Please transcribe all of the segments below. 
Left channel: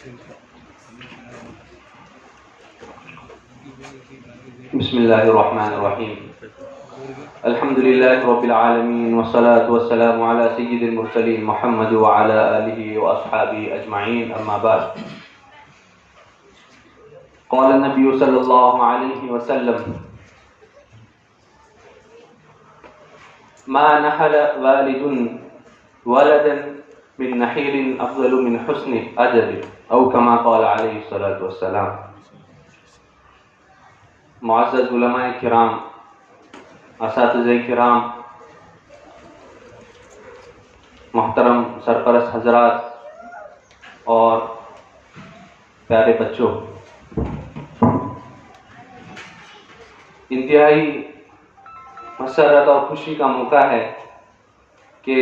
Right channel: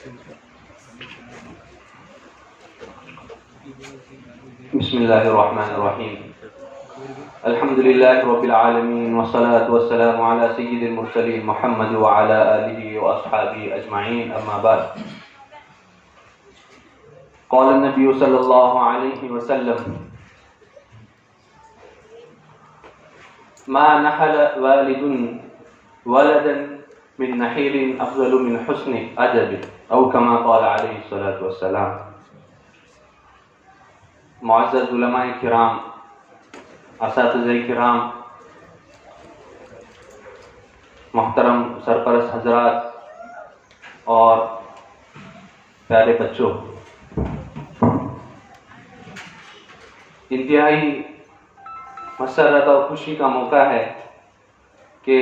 بسم الله الرحمن الرحيم. الحمد لله رب العالمين، والصلاة والسلام على سيد المرسلين محمد وعلى آله وأصحابه أجمعين، أما بعد. قال النبي صلى الله عليه وسلم: ما نحل والد ولدا من نحيل أفضل من حسن أدب، أو كما قال عليه الصلاة والسلام. معزز علماء کرام، اساتذہ کرام، محترم سرپرست حضرات اور پیارے بچوں، انتہائی مسرت اور خوشی کا موقع ہے کہ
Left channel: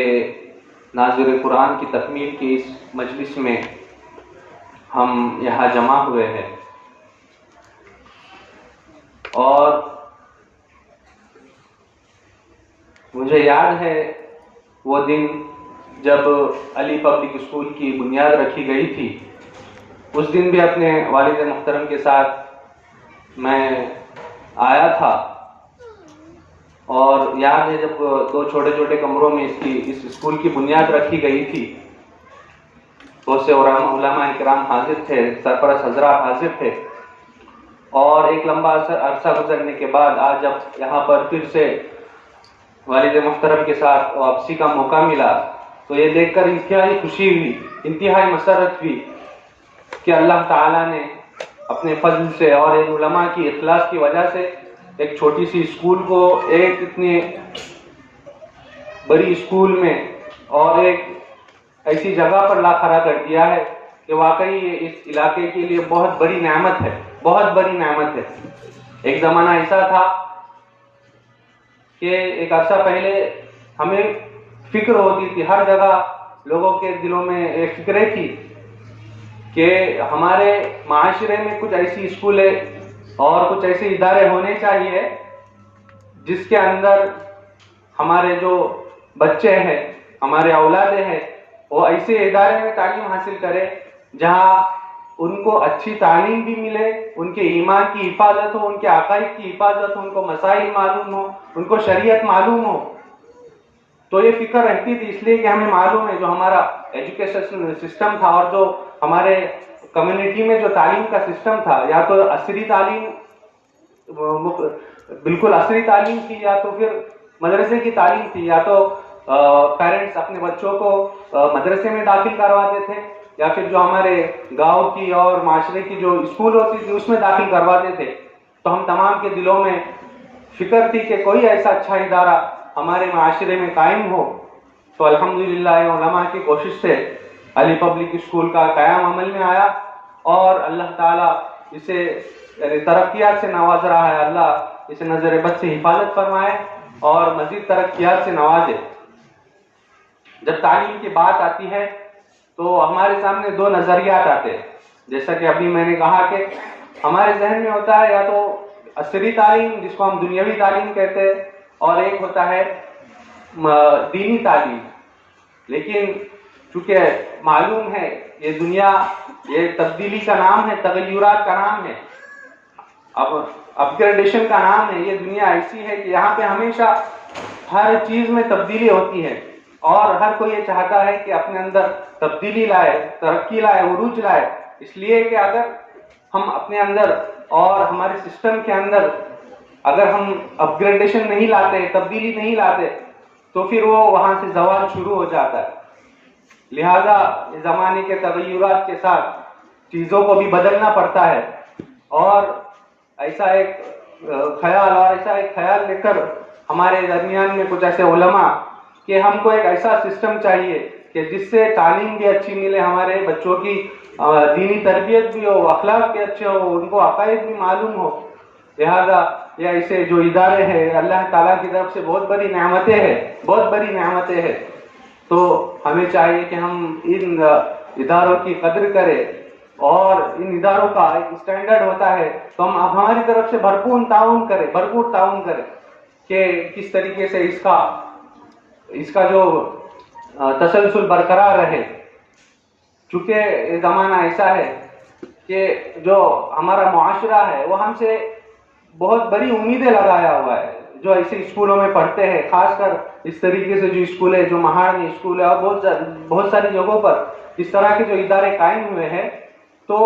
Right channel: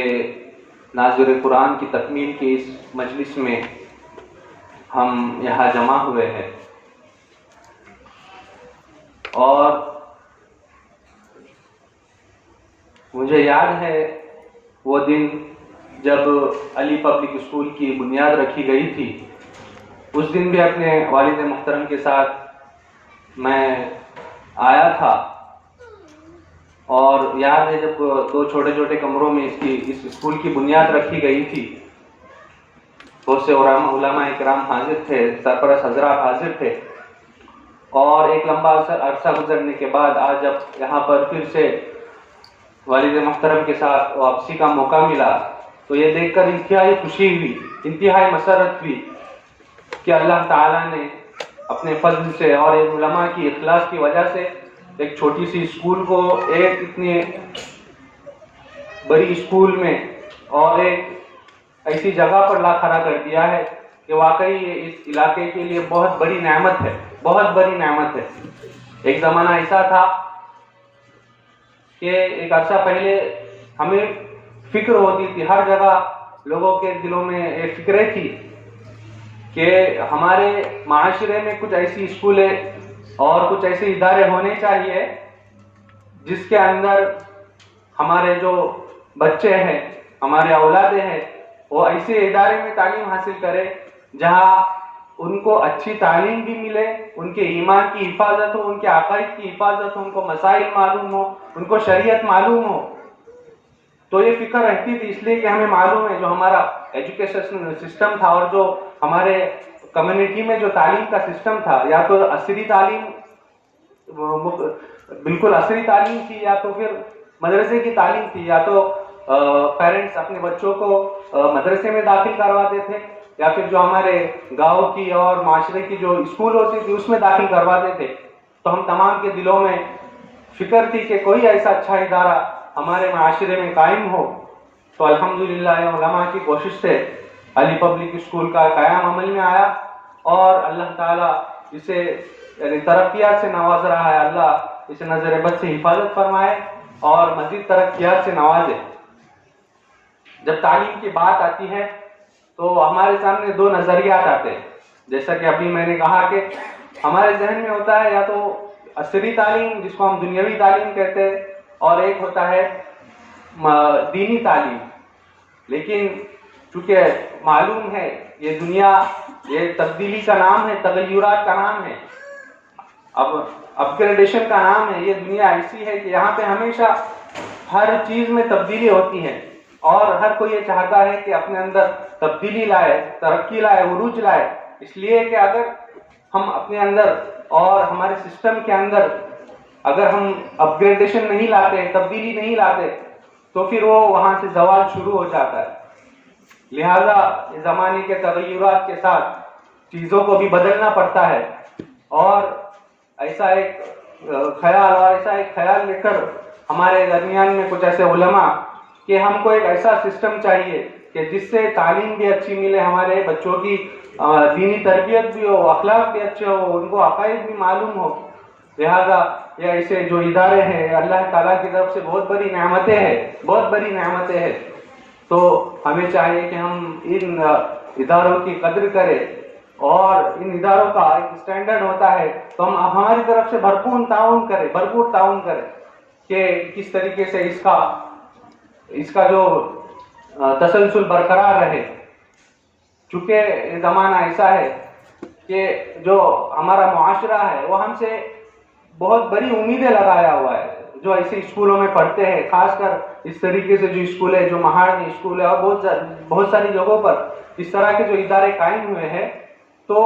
ناظر قرآن کی تکمیل کی اس مجلس میں ہم یہاں جمع ہوئے ہیں، اور مجھے یاد ہے وہ دن جب علی پبلک اسکول کی بنیاد رکھی گئی تھی. اس دن بھی اپنے والد محترم کے ساتھ میں آیا تھا، اور یاد ہے جب دو چھوٹے چھوٹے کمروں میں اس اسکول کی بنیاد رکھی گئی تھی، بہت سے علماء کرام حاضر تھے، سرپرست حضرات حاضر تھے، اور ایک لمبا عرصہ گزرنے کے بعد آج جب یہاں پر پھر سے والد محترم کے ساتھ واپسی کا موقع ملا تو یہ دیکھ کر انتہائی خوشی ہوئی، انتہائی مسرت ہوئی کہ اللہ تعالیٰ نے اپنے فضل سے اور ایک علماء کی اخلاص کی وجہ سے ایک چھوٹی سی اسکول کو ایک اتنی بڑی اسکول میں اور ایک ایسی جگہ پر لا کھڑا کر دیا ہے کہ واقعی یہ اس علاقے کے لیے بہت بڑی نعمت ہے، بہت بڑی نعمت ہے. ایک زمانہ ایسا تھا کہ ایک عرصہ پہلے ہمیں فکر ہوتی تھی، ہر جگہ لوگوں کے دلوں میں ایک فکریں تھی کہ ہمارے معاشرے میں کچھ ایسی اسکولیں اور کچھ ایسے ادارے ہونے چاہیے جس کے اندر ہمارے جو بچے ہیں، ہمارے اولادیں ہیں، وہ ایسے ادارے میں تعلیم حاصل کرے جہاں ان کو اچھی تعلیم بھی ملے، ان کے ایمان کی حفاظت ہو، ان کے عقائد کی حفاظت ہو، ان کو مسائل معلوم ہو، ان کو شریعت معلوم ہو. تو یہ فکر رہتی تھی، اس لیے کہ ہمیں معلوم ہے جو ہمارا ایجوکیشن سسٹم تھا اور جو ہمارے کمیونٹی میں جو تعلیم کا سسٹم تھا، یا تو عصری تعلیم، بالکل عصری تعلیم تھی، یا تو پھر مدرسے کی تعلیم تھی، یا تو پیرنٹس اپنے بچوں کو مدرسے میں داخل کرواتے تھے، یا پھر جو ہمارے گاؤں کی اور معاشرے کی جو اسکول ہوتی تھی اس میں داخل کرواتے تھے. تو ہم تمام کے دلوں میں فکر تھی کہ کوئی ایسا اچھا ادارہ ہمارے معاشرے میں قائم ہو. تو الحمدللہ علماء کی کوشش سے علی پبلک اسکول کا قیام عمل میں آیا، اور اللہ تعالیٰ اسے ترقیات سے نواز رہا ہے. اللہ اسے نظر بد سے حفاظت فرمائے اور مزید ترقیات سے نوازے. جب تعلیم کی بات آتی ہے تو ہمارے سامنے دو نظریات آتے ہیں. جیسا کہ ابھی میں نے کہا کہ ہمارے ذہن میں ہوتا ہے یا تو عصری تعلیم جس کو ہم دنیاوی تعلیم کہتے ہیں، اور ایک ہوتا ہے دینی تعلیم. لیکن چونکہ معلوم ہے یہ دنیا، یہ تبدیلی کا نام ہے، تغیرات کا نام ہے، اب اپگریڈیشن کا نام ہے. یہ دنیا ایسی ہے کہ یہاں پہ ہمیشہ ہر چیز میں تبدیلی ہوتی ہے، اور ہر کوئی یہ چاہتا ہے کہ اپنے اندر تبدیلی لائے، ترقی لائے، عروج لائے. اس لیے کہ اگر ہم اپنے اندر اور ہمارے سسٹم کے اندر اگر ہم اپگریڈیشن نہیں لاتے، تبدیلی نہیں لاتے، تو پھر وہ وہاں سے زوال شروع ہو جاتا ہے. لہذا زمانے کے تغیرات کے ساتھ چیزوں کو بھی بدلنا پڑتا ہے، اور ایسا ایک خیال لے کر ہمارے درمیان میں کچھ ایسے علماء کہ ہم کو ایک ایسا سسٹم چاہیے کہ جس سے تعلیم بھی اچھی ملے، ہمارے بچوں کی دینی تربیت بھی ہو، اخلاق بھی اچھے ہو، ان کو عقائد بھی معلوم ہو. لہذا یہ ایسے جو ادارے ہیں اللہ تعالیٰ کی طرف سے بہت بڑی نعمتیں ہیں، بہت بڑی نعمتیں ہیں. تو ہمیں چاہیے کہ ہم ان اداروں کی قدر کریں، اور ان اداروں کا ایک اسٹینڈرڈ ہوتا ہے تو ہم ہماری طرف سے بھرپور تعاون کریں کہ کس طریقے سے اس کا جو تسلسل برقرار رہے. چونکہ یہ زمانہ ایسا ہے کہ جو ہمارا معاشرہ ہے وہ ہم سے بہت بڑی امیدیں لگایا ہوا ہے. جو ایسے اسکولوں میں پڑھتے ہیں، خاص کر اس طریقے سے جو اسکول ہے، جو مہاڑی اسکول ہے اور بہت ساری جگہوں پر اس طرح کے جو ادارے قائم ہوئے ہیں، تو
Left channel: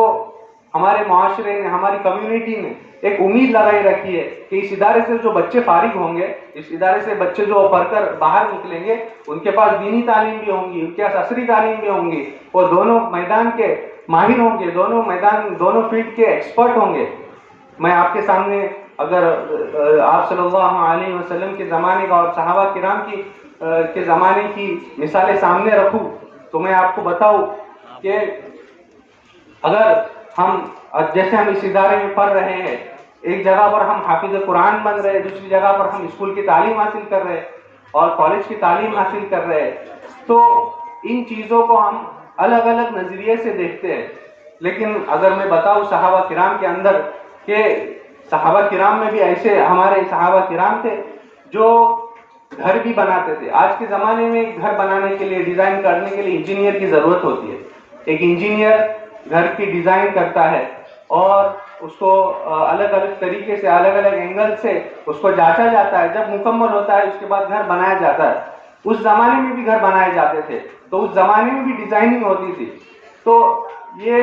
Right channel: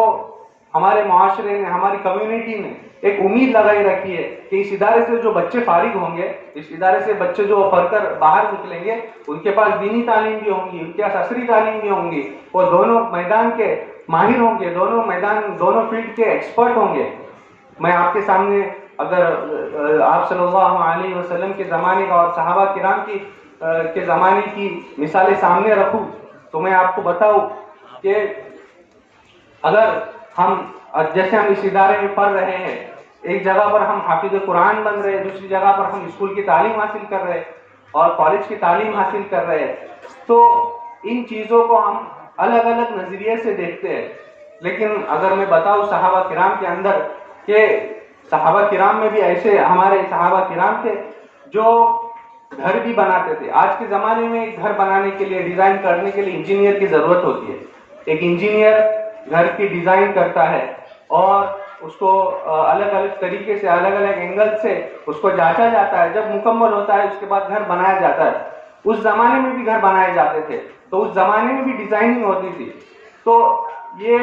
ہمارے معاشرے نے، ہماری کمیونٹی نے ایک امید لگائی رکھی ہے کہ اس ادارے سے جو بچے فارغ ہوں گے، اس ادارے سے بچے جو پڑھ کر باہر نکلیں گے، ان کے پاس دینی تعلیم بھی ہوں گی، ان کے پاس عصری تعلیم بھی ہوں گی، اور دونوں میدان کے ماہر ہوں گے، دونوں فیلڈ کے ایکسپرٹ ہوں گے. میں آپ کے سامنے اگر آپ صلی اللہ علیہ وسلم کے زمانے کا اور صحابہ کرام کے زمانے کی مثالیں سامنے رکھوں تو میں آپ کو بتاؤں کہ اگر جیسے ہم اس ادارے میں پڑھ رہے ہیں، ایک جگہ پر ہم حافظ قرآن بن رہے ہیں، دوسری جگہ پر ہم اسکول کی تعلیم حاصل کر رہے ہیں اور کالج کی تعلیم حاصل کر رہے ہیں، تو ان چیزوں کو ہم الگ الگ نظریے سے دیکھتے ہیں. لیکن اگر میں بتاؤں صحابہ کرام کے اندر کہ صحابہ کرام میں بھی ایسے ہمارے صحابہ کرام تھے جو گھر بھی بناتے تھے. آج کے زمانے میں گھر بنانے کے لیے، ڈیزائن کرنے کے لیے انجینئر کی ضرورت ہوتی ہے. ایک انجینئر گھر کی ڈیزائن کرتا ہے اور اس کو الگ الگ طریقے سے، الگ الگ اینگل سے اس کو جانچا جاتا ہے. جب مکمل ہوتا ہے اس کے بعد گھر بنایا جاتا ہے. اس زمانے میں بھی گھر بنائے جاتے تھے، تو اس زمانے میں بھی ڈیزائننگ ہوتی تھی. تو یہ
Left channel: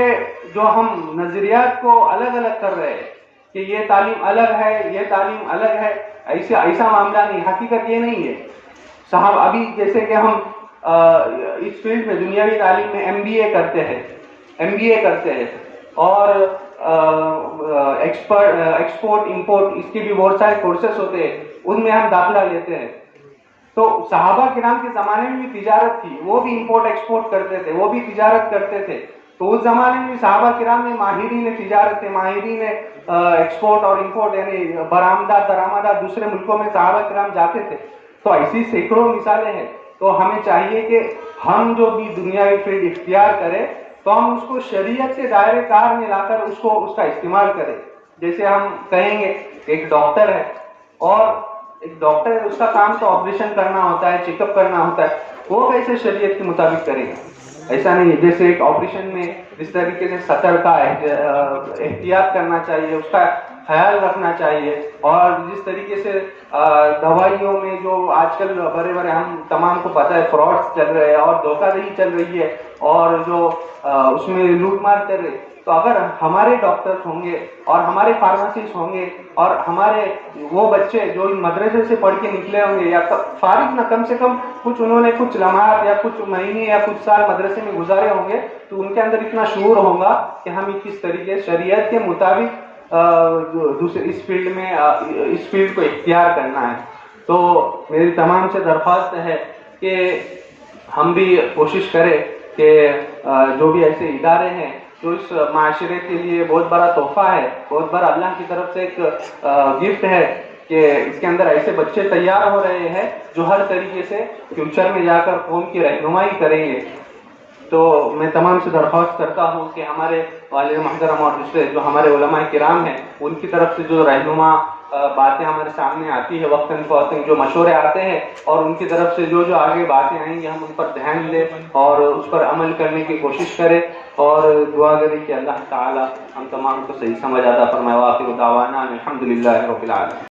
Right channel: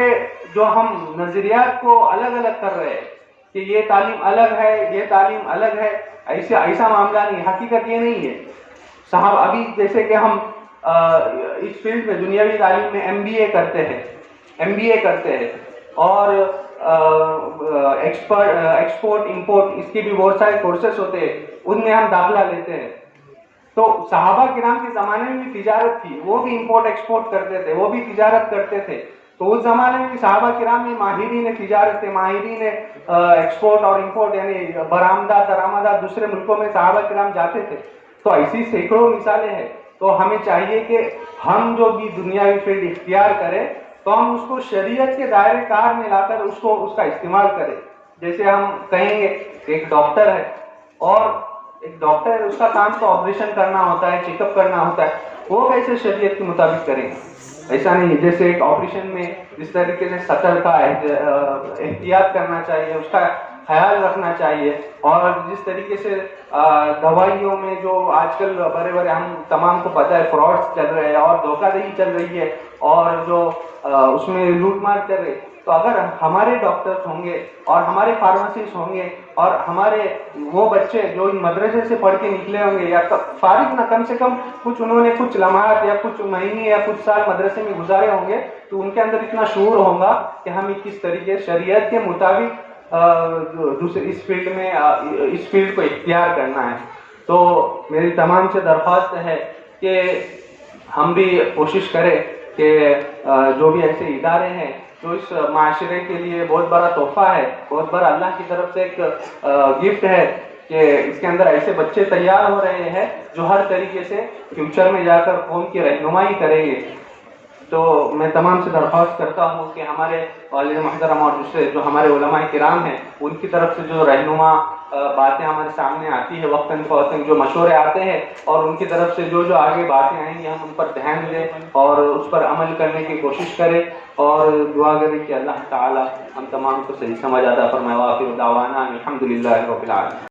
جو ہم نظریات کو الگ الگ کر رہے ہیں کہ یہ تعلیم الگ ہے، یہ تعلیم الگ ہے، ایسا معاملہ نہیں. حقیقت یہ نہیں ہے. صاحب ابھی جیسے کہ ہم اس فیلڈ میں دنیاوی تعلیم میں ایم بی اے کرتے ہیں اور ایکسپورٹ امپورٹ اس کی بھی بہت سارے کورسز ہوتے ہیں، ان میں ہم داخلہ لیتے ہیں. تو صحابہ کرام کے زمانے میں بھی تجارت تھی، وہ بھی امپورٹ ایکسپورٹ کرتے تھے، وہ بھی تجارت کرتے تھے. تو اس زمانے میں بھی صحابہ کرام میں ماہرین تجارت تھے، ماہرین ایکسپورٹ اور امپورٹ، یعنی برآمدات درآمدات دوسرے ملکوں میں صحابہ کرام جاتے تھے. تو ایسی سینکڑوں مثالیں ہیں. تو ہمیں چاہیے کہ ہم جو بھی دنیاوی فیلڈ اختیار کریں تو ہم اس کو شریعت کے دائرے کار میں لا کر اس کا استعمال کریں. جیسے ہم کہیں گے کہ ایک ڈاکٹر ہے اور ایک ڈاکٹر ہے، اس کا کام تو آپریشن کرنا ہوتا ہے، چیک اپ کرنا ہوتا ہے، وہ کیسے شریعت کے مطابق کریں گے؟ ایسا نہیں ہے. جیسے ایک آپریشن میں جس طریقے سے سطر کا احتیاط کرنا چاہیے، اس کا خیال رکھنا چاہیے، اور جس طریقے سے دوائیوں میں جو آج کل بڑے ہم تمام کو پتہ ہے فراڈ چل رہے ہیں اور دھوکہ دہی چل رہی ہے اور جو اس میں لوٹ مار چل رہی ہے، تو اگر ہمارے ڈاکٹرز ہوں گے اور ہمارے فارماسسٹ ہوں گے اور ہمارے وہ بچے جو ان مدرسے سے پڑھ کے نکلے ہوں گے یا فارغ نہ کم سے کم انہوں نے کچھ لمحات یا کچھ مہینے یا کچھ سال مدرسے میں گزارے ہوں گے، تو ان کے اندر اتنا شعور ہوگا کہ ہمیں کس طریقے شریعت کے مطابق اس فیلڈ کو اختیار کرنا ہے. تو میری تمام سے درخواست ہے کہ ہم بھی کوشش کریں کہ جو بھی ایسے ادارے ہیں جو اس معاشرے کے لیے بہت بڑا تحفہ ہے، بہت بڑا اللہ کی طرف سے ایک گفٹ ہے کہ اس کے اندر ایسے بچے تیار ہو رہے ہیں جو ہر طریقے سے فیوچر میں جا کر قوم کی رہنمائی کریں گے. تو میں تمام سے درخواست کرتا ہوں کہ ہمارے والد محترم اور دوسرے جو ہمارے علماء کرام ہیں ان کی طرف سے جو رہنما باتیں ہمارے سامنے آتی ہے وقتاً فوقتاً، جو مشورے آتے ہیں اور ان کی طرف سے جو آگے باتیں آئیں گے ہم ان پر دھیان دیں اور اس پر عمل کرنے کی کوشش کریں اور دعا کریں کہ اللہ تعالی ہم تمام کو صحیح سمجھ عطا فرمائے. وآخر دعوانا الحمدللہ رب العالمین.